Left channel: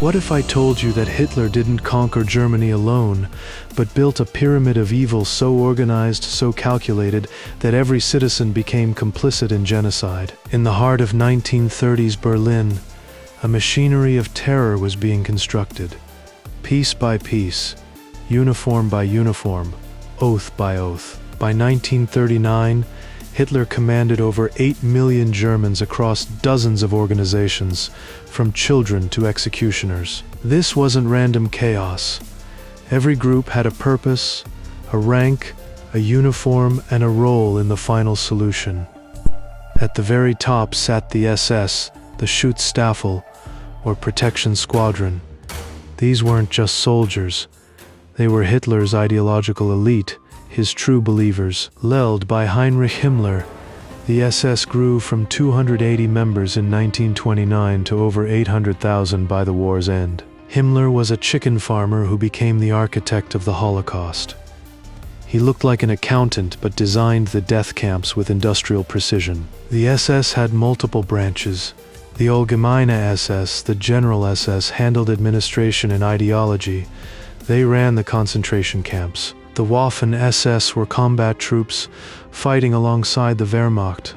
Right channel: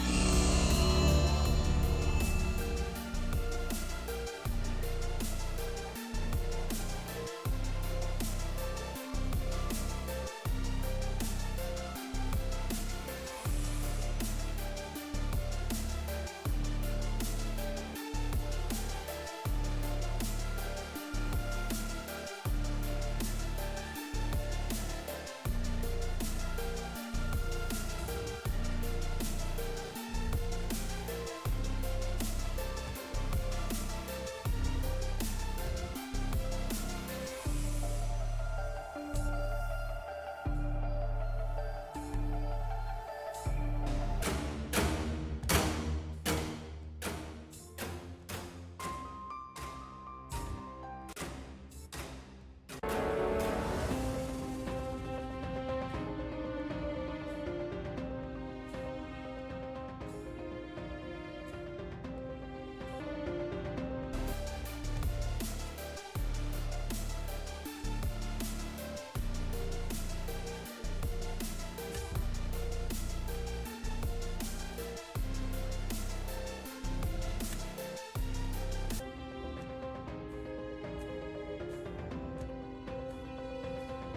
What if I told you that Hitler didn't conquer Germany alone, but built a pyramid of evil so organized, so calculated, that every citizen became complicit in genocide? In the heart of 1930s Berlin, a machinery of terror was being constructed. Piece by piece, uniform by uniform, oath by oath. By 1939, Hitler commanded over 8 million Germans across dozens of organizations, from children to executioners. This wasn't random chaos. Every group had a purpose, a rank, a uniform, and a role in the final solution. At the very top sat the SS, the Schutzstaffel, or Protection Squadron. These weren't just soldiers. They were Hitler's ideological elite, his true believers. Led by Heinrich Himmler, the SS grew from 280 members in 1929 to over 800,000 by the war's end. Himmler was a chicken farmer who became the architect of the Holocaust. He looked like an accountant but designed the death camps with industrial precision. The SS had multiple branches. The Allgemeine SS, the General SS, handled administration and ideology. They ran the concentration camps. The Waffen-SS were combat troops fighting alongside the Wehrmacht.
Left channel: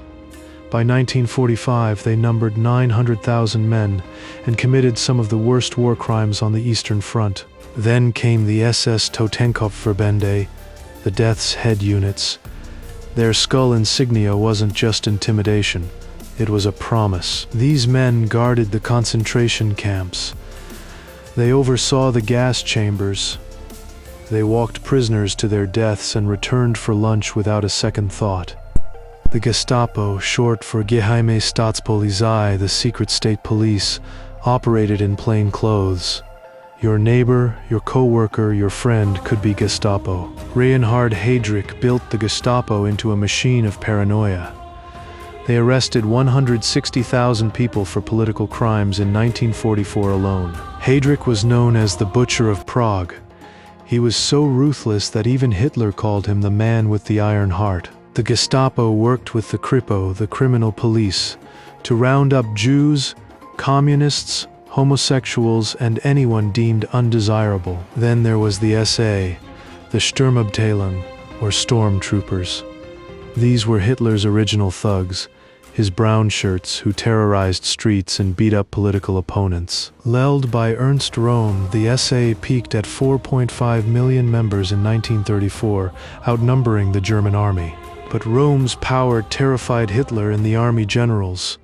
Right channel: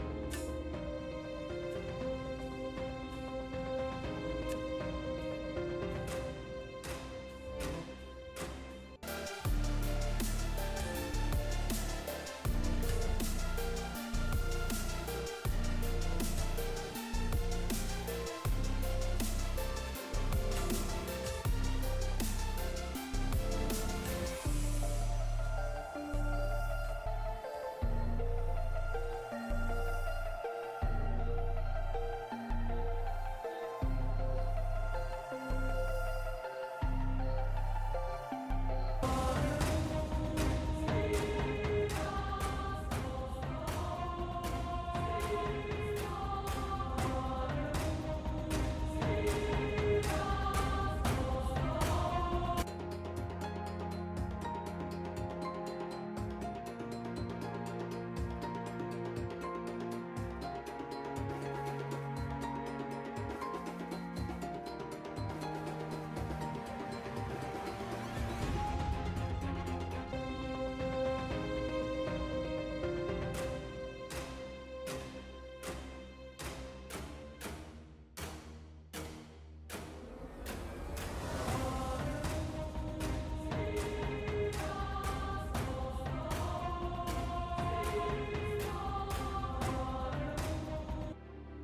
By 1945, they numbered 900,000 men and committed some of the worst war crimes on the Eastern Front. Then came the SS Totenkopfverbände, the Death's Head units. Their skull insignia wasn't just intimidation, it was a promise. These men guarded the concentration camps. They oversaw the gas chambers. They walked prisoners to their deaths and returned for lunch without a second thought. The Gestapo, short for Geheime Staatspolizei, the secret state police, operated in plain clothes. Your neighbor, your co-worker, your friend could be Gestapo. Reinhard Heydrich built the Gestapo into a machine of paranoia. They arrested 160,000 people for political crimes in 1944 alone. Heydrich was known as the Butcher of Prague. He was so ruthless that even Hitler called him the man with the iron heart. The Gestapo worked with the Kripo, the criminal police, to round up Jews, communists, homosexuals, and anyone deemed undesirable. Then there was the SA, the Sturmabteilung, or stormtroopers. These were Hitler's original thugs, his Brownshirts who terrorized streets and beat up political opponents. Led by Ernst Röhm, the SA peaked at 4.5 million members in 1934, outnumbering the German army. But Röhm's power terrified Hitler and the army generals.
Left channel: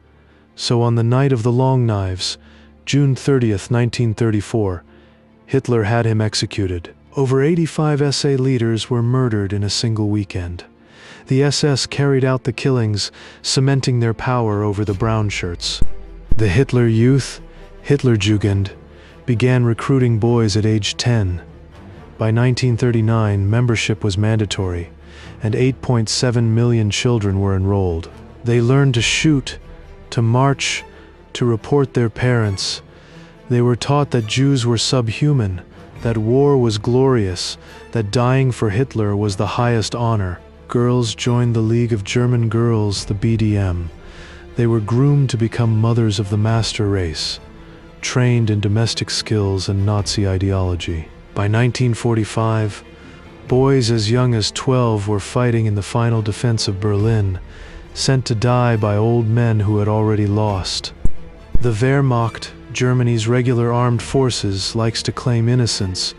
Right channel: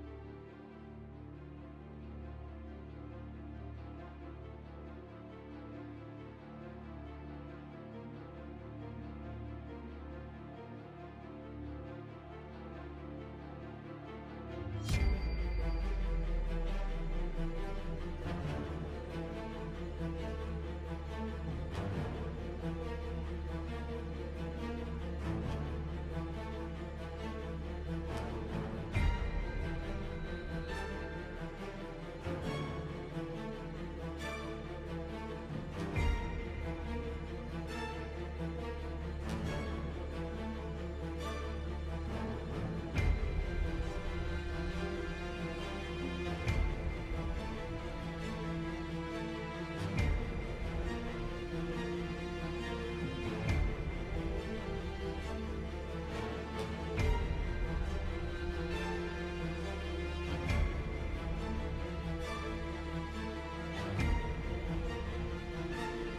So on the night of the Long Knives, June 30th, 1934, Hitler had him executed. Over 85 SA leaders were murdered in a single weekend. The SS carried out the killings, cementing their power over the Brownshirts. The Hitler Youth, Hitler Jugend, began recruiting boys at age 10. By 1939, membership was mandatory, and 8.7 million children were enrolled. They learned to shoot, to march, to report their parents. They were taught that Jews were subhuman, that war was glorious, that dying for Hitler was the highest honor. Girls joined the League of German Girls, the BDM. They were groomed to become mothers of the master race, trained in domestic skills and Nazi ideology. By 1945, boys as young as 12 were fighting in the final defense of Berlin, sent to die by old men who had already lost. The Wehrmacht, Germany's regular armed forces, likes to claim innocence,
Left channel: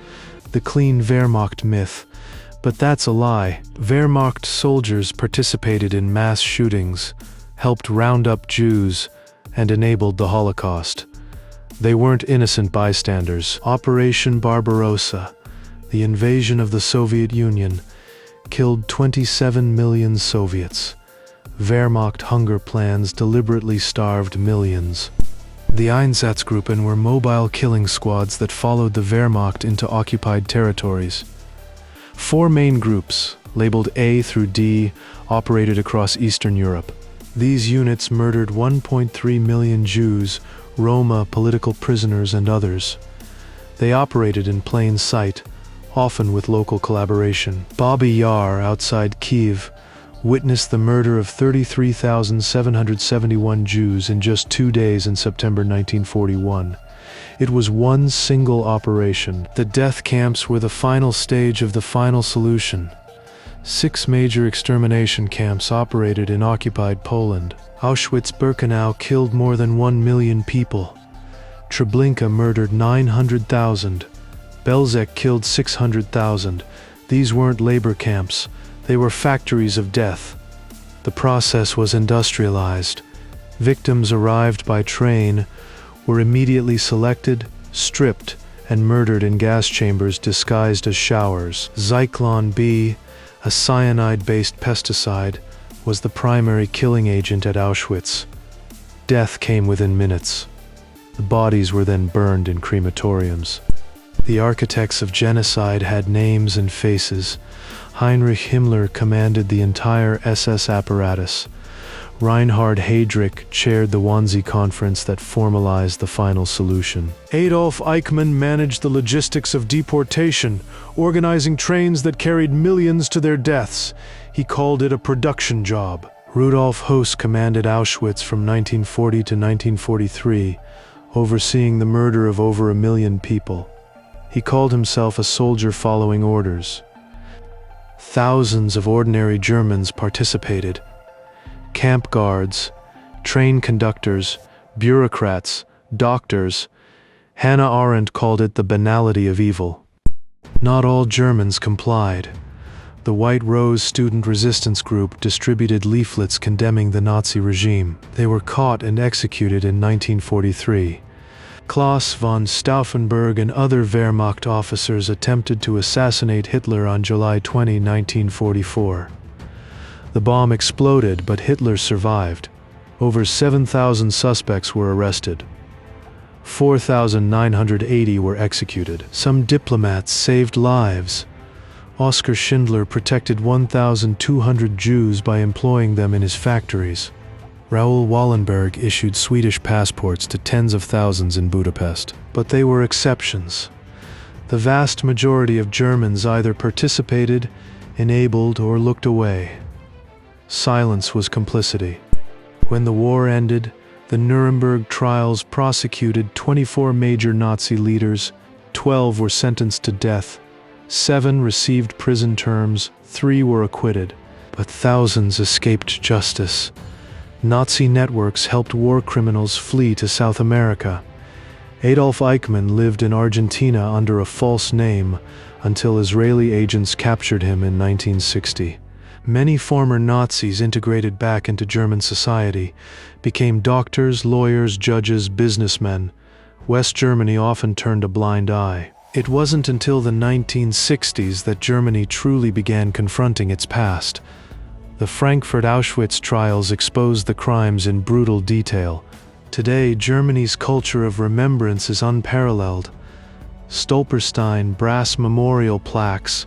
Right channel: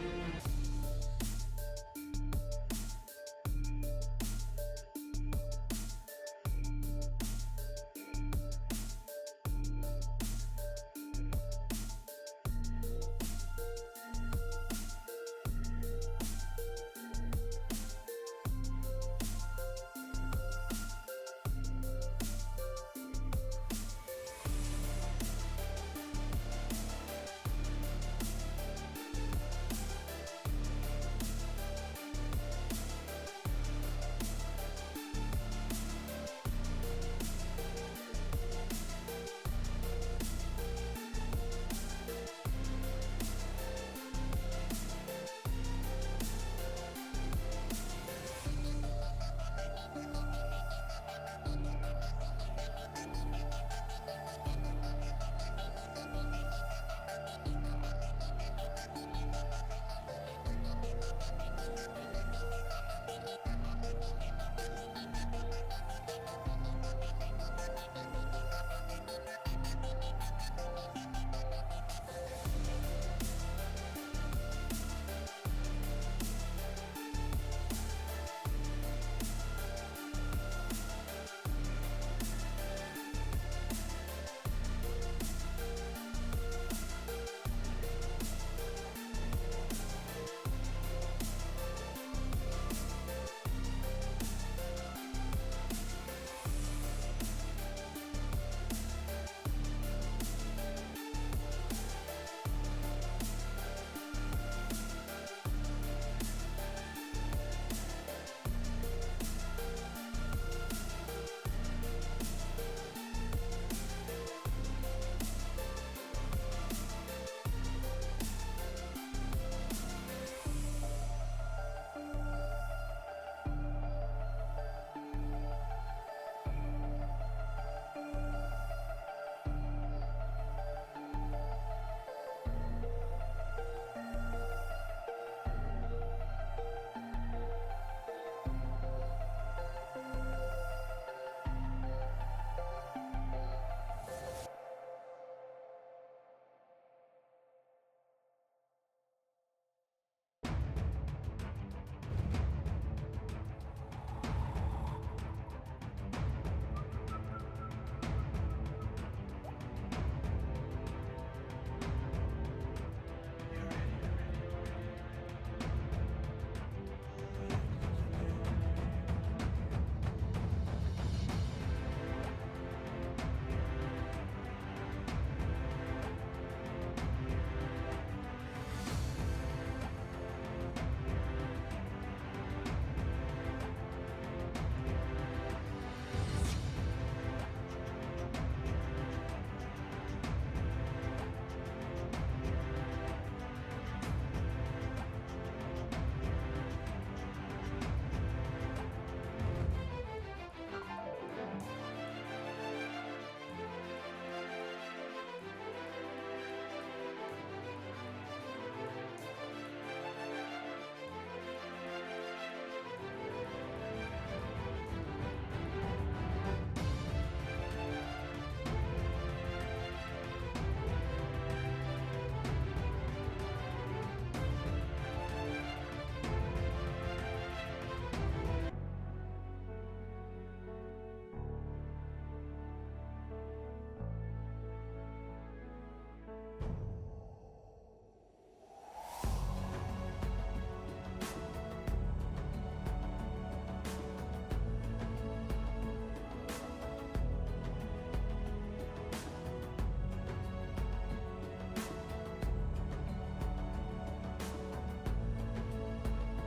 the clean Wehrmacht myth. But that's a lie. Wehrmacht soldiers participated in mass shootings, helped round up Jews, and enabled the Holocaust. They weren't innocent bystanders. Operation Barbarossa, the invasion of the Soviet Union, killed 27 million Soviets. Wehrmacht hunger plans deliberately starved millions. The Einsatzgruppen were mobile killing squads that followed the Wehrmacht into occupied territories. 4 main groups, labeled A through D, operated across Eastern Europe. These units murdered 1.3 million Jews, Roma, political prisoners, and others. They operated in plain sight, often with local collaboration. Babi Yar, outside Kiev, witnessed the murder of 33,771 Jews in just 2 days in September 1941. It was one single operation. The death camps were the final stage of the final solution. 6 major extermination camps operated in occupied Poland. Auschwitz-Birkenau killed more than 1 million people. Treblinka murdered 900,000. Belzec killed 600,000. These weren't labor camps. They were factories of death. The process was industrialized. Victims arrived by train, were immediately selected, stripped, and murdered in gas chambers disguised as showers. Zyklon B, a cyanide-based pesticide, was the primary killing agent at Auschwitz. Death came within minutes. The bodies were then burned in crematoriums. The architects of genocide had names and faces. Heinrich Himmler commanded the entire SS apparatus. Reinhard Heydrich chaired the Wannsee Conference that formalized the final solution. Adolf Eichmann managed the logistics of deportation, organizing trains that carried millions to their deaths. He called it a production job. Rudolf Höss commanded Auschwitz from 1940 to 1943, overseeing the murder of over 1 million people. He called himself a soldier following orders. Thousands of ordinary Germans participated. Camp guards, train conductors, bureaucrats, doctors. Hannah Arendt called it the banality of evil. Not all Germans complied. The White Rose student resistance group distributed leaflets condemning the Nazi regime. They were caught and executed in 1943. Klaus von Stauffenberg and other Wehrmacht officers attempted to assassinate Hitler on July 20, 1944. The bomb exploded, but Hitler survived. Over 7,000 suspects were arrested. 4,980 were executed. Some diplomats saved lives. Oskar Schindler protected 1,200 Jews by employing them in his factories. Raoul Wallenberg issued Swedish passports to tens of thousands in Budapest. But they were exceptions. The vast majority of Germans either participated, enabled, or looked away. Silence was complicity. When the war ended, the Nuremberg trials prosecuted 24 major Nazi leaders. 12 were sentenced to death. 7 received prison terms. 3 were acquitted. But thousands escaped justice. Nazi networks helped war criminals flee to South America. Adolf Eichmann lived in Argentina under a false name until Israeli agents captured him in 1960. Many former Nazis integrated back into German society, became doctors, lawyers, judges, businessmen. West Germany often turned a blind eye. It wasn't until the 1960s that Germany truly began confronting its past. The Frankfurt Auschwitz trials exposed the crimes in brutal detail. Today, Germany's culture of remembrance is unparalleled. Stolperstein brass memorial plaques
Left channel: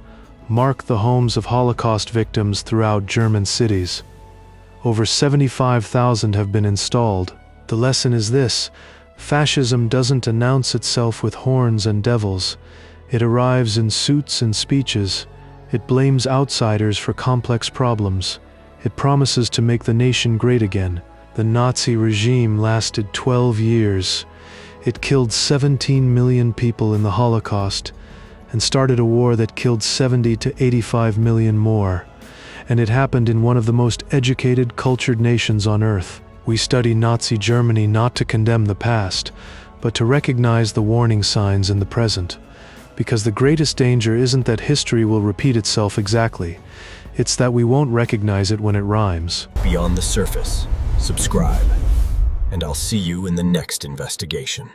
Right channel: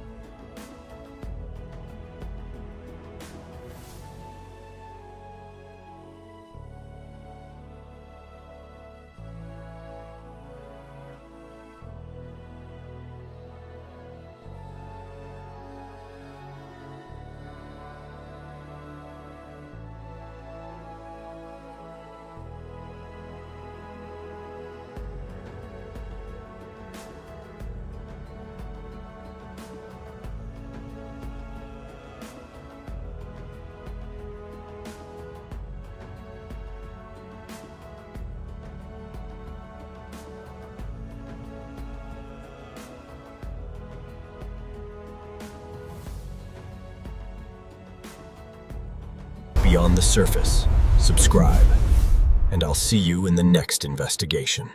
mark the homes of Holocaust victims throughout German cities. Over 75,000 have been installed. The lesson is this: fascism doesn't announce itself with horns and devils. It arrives in suits and speeches. It blames outsiders for complex problems. It promises to make the nation great again. The Nazi regime lasted 12 years. It killed 17 million people in the Holocaust and started a war that killed 70 to 85 million more. And it happened in one of the most educated, cultured nations on earth. We study Nazi Germany not to condemn the past, but to recognize the warning signs in the present. Because the greatest danger isn't that history will repeat itself exactly. It's that we won't recognize it when it rhymes. Beyond the surface, subscribe, and I'll see you in the next investigation.